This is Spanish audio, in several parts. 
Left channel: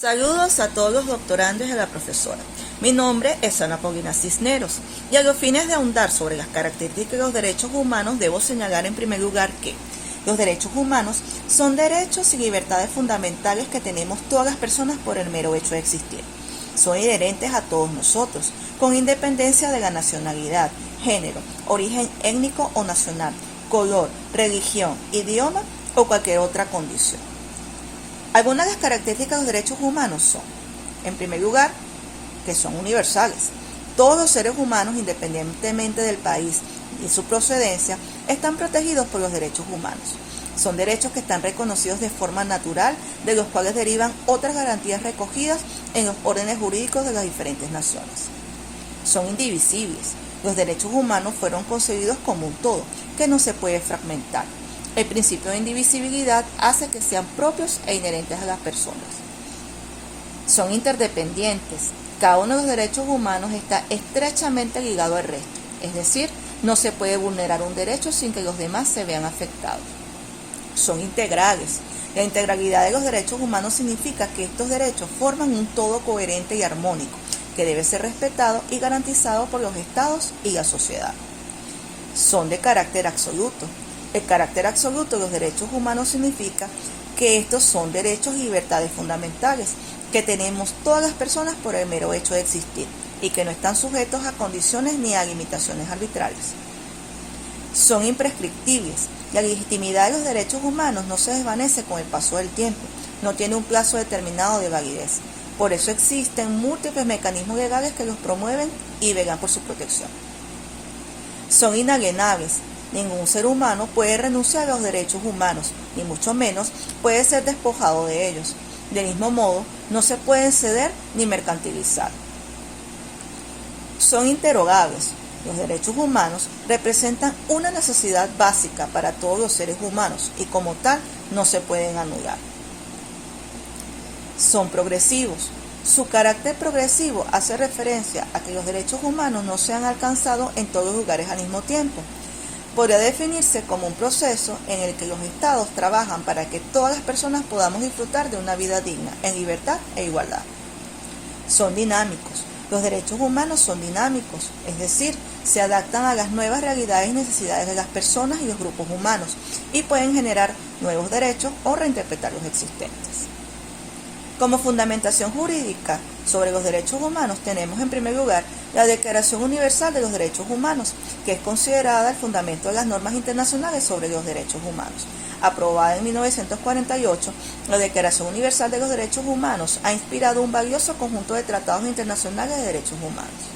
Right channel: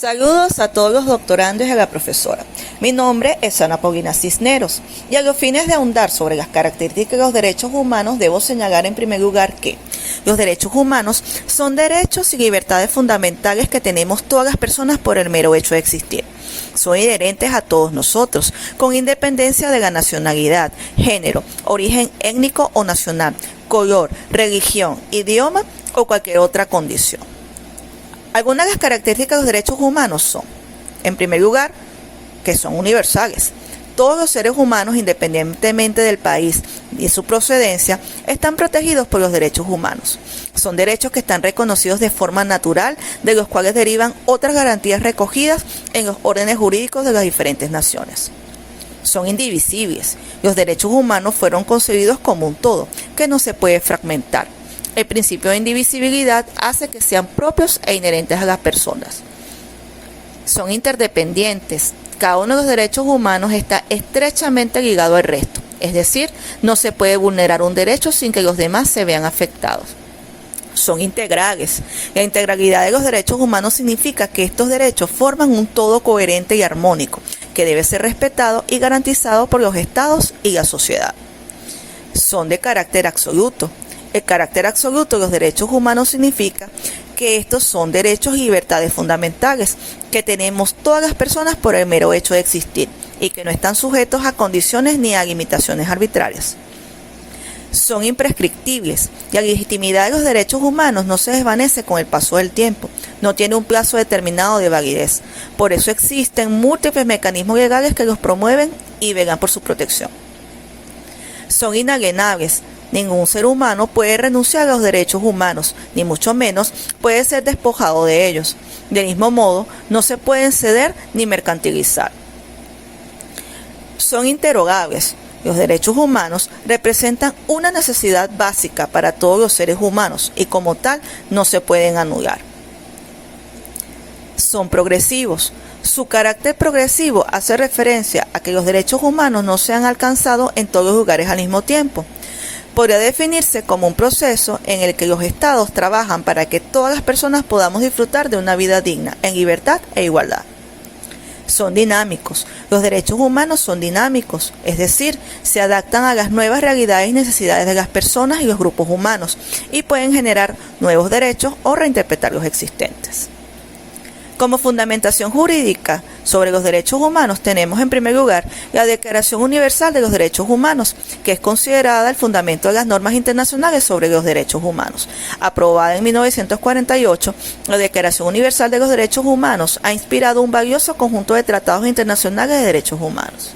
Saludos a todos los doctorandos y a la profesora. Mi nombre es Ana Paulina Cisneros y a los fines de ahondar sobre las características de los derechos humanos debo señalar en primer lugar que los derechos humanos son derechos y libertades fundamentales que tenemos todas las personas por el mero hecho de existir. Son inherentes a todos nosotros, con independencia de la nacionalidad, género, origen étnico o nacional, color, religión, idioma o cualquier otra condición. Algunas de las características de los derechos humanos son, en primer lugar, que son universales. Todos los seres humanos, independientemente del país y su procedencia, están protegidos por los derechos humanos. Son derechos que están reconocidos de forma natural, de los cuales derivan otras garantías recogidas en los órdenes jurídicos de las diferentes naciones. Son indivisibles. Los derechos humanos fueron concebidos como un todo, que no se puede fragmentar. El principio de indivisibilidad hace que sean propios e inherentes a las personas. Son interdependientes. Cada uno de los derechos humanos está estrechamente ligado al resto. Es decir, no se puede vulnerar un derecho sin que los demás se vean afectados. Son integrales. La integralidad de los derechos humanos significa que estos derechos forman un todo coherente y armónico, que debe ser respetado y garantizado por los estados y la sociedad. Son de carácter absoluto. El carácter absoluto de los derechos humanos significa que estos son derechos y libertades fundamentales que tenemos todas las personas por el mero hecho de existir y que no están sujetos a condiciones ni a limitaciones arbitrarias. Son imprescriptibles y la legitimidad de los derechos humanos no se desvanece con el paso del tiempo, no tiene un plazo determinado de validez. Por eso existen múltiples mecanismos legales que los promueven y velan por su protección. Son inalienables. Ningún ser humano puede renunciar a los derechos humanos, ni mucho menos puede ser despojado de ellos. Del mismo modo, no se pueden ceder ni mercantilizar. Son interogables. Los derechos humanos representan una necesidad básica para todos los seres humanos y como tal no se pueden anular. Son progresivos. Su carácter progresivo hace referencia a que los derechos humanos no se han alcanzado en todos los lugares al mismo tiempo. Podría definirse como un proceso en el que los estados trabajan para que todas las personas podamos disfrutar de una vida digna, en libertad e igualdad. Son dinámicos. Los derechos humanos son dinámicos, es decir, se adaptan a las nuevas realidades y necesidades de las personas y los grupos humanos y pueden generar nuevos derechos o reinterpretar los existentes. Como fundamentación jurídica sobre los derechos humanos tenemos en primer lugar la Declaración Universal de los Derechos Humanos, que es considerada el fundamento de las normas internacionales sobre los derechos humanos. Aprobada en 1948, la Declaración Universal de los Derechos Humanos ha inspirado un valioso conjunto de tratados internacionales de derechos humanos.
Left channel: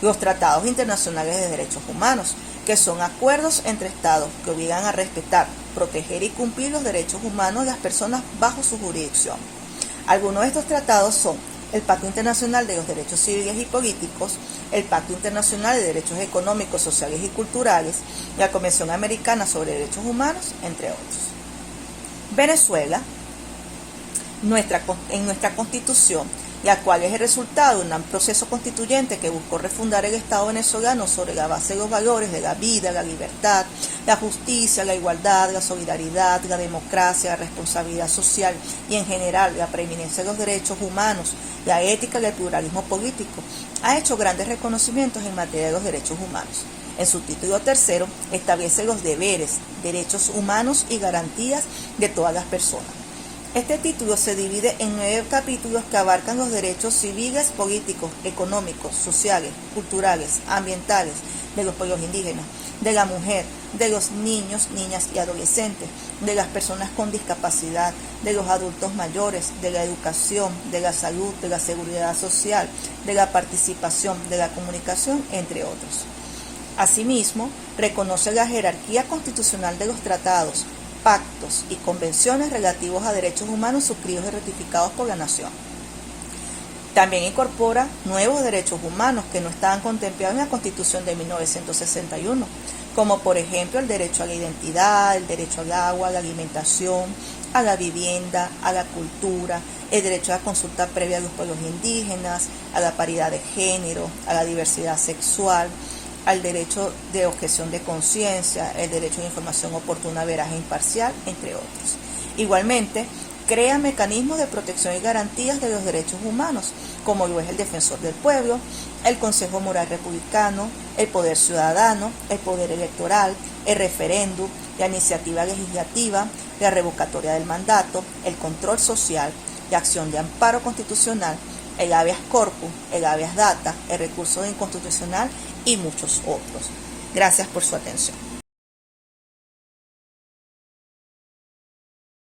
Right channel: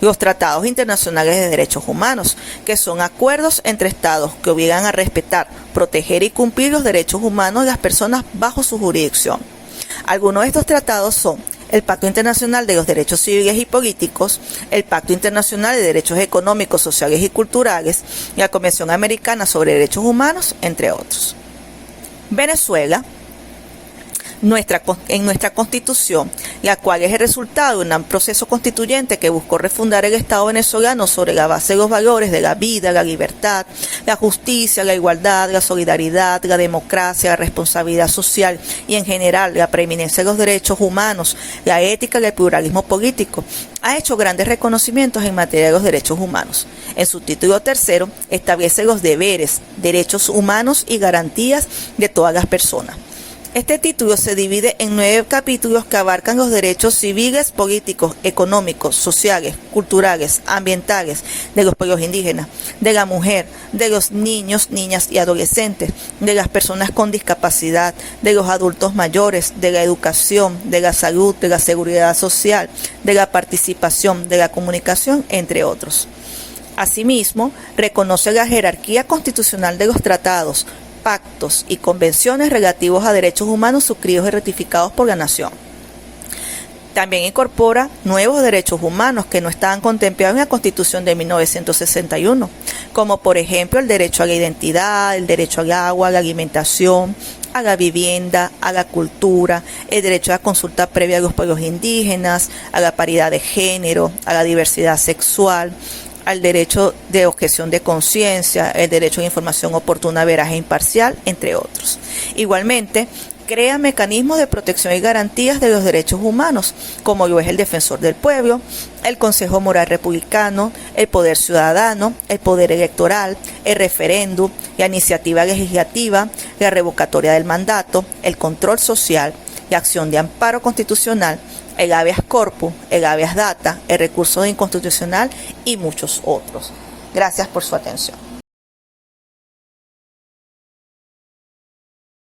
Los tratados internacionales de derechos humanos, que son acuerdos entre estados que obligan a respetar, proteger y cumplir los derechos humanos de las personas bajo su jurisdicción. Algunos de estos tratados son el Pacto Internacional de los Derechos Civiles y Políticos, el Pacto Internacional de Derechos Económicos, Sociales y Culturales, y la Convención Americana sobre Derechos Humanos, entre otros. Venezuela. En nuestra Constitución, la cual es el resultado de un proceso constituyente que buscó refundar el Estado venezolano sobre la base de los valores de la vida, la libertad, la justicia, la igualdad, la solidaridad, la democracia, la responsabilidad social y en general la preeminencia de los derechos humanos, la ética y el pluralismo político, ha hecho grandes reconocimientos en materia de los derechos humanos. En su título tercero establece los deberes, derechos humanos y garantías de todas las personas. Este título se divide en 9 capítulos que abarcan los derechos civiles, políticos, económicos, sociales, culturales, ambientales, de los pueblos indígenas, de la mujer, de los niños, niñas y adolescentes, de las personas con discapacidad, de los adultos mayores, de la educación, de la salud, de la seguridad social, de la participación, de la comunicación, entre otros. Asimismo, reconoce la jerarquía constitucional de los tratados, pactos y convenciones relativos a derechos humanos suscritos y ratificados por la nación. También incorpora nuevos derechos humanos que no estaban contemplados en la Constitución de 1961, como por ejemplo el derecho a la identidad, el derecho al agua, a la alimentación, a la vivienda, a la cultura, el derecho a la consulta previa a los pueblos indígenas, a la paridad de género, a la diversidad sexual, al derecho de objeción de conciencia, el derecho a información oportuna, veraz e imparcial, entre otros. Igualmente, crea mecanismos de protección y garantías de los derechos humanos, como lo es el Defensor del Pueblo, el Consejo Moral Republicano, el Poder Ciudadano, el Poder Electoral, el referéndum, la iniciativa legislativa, la revocatoria del mandato, el control social, la acción de amparo constitucional, el habeas corpus, el habeas data, el recurso de inconstitucional y muchos otros. Gracias por su atención.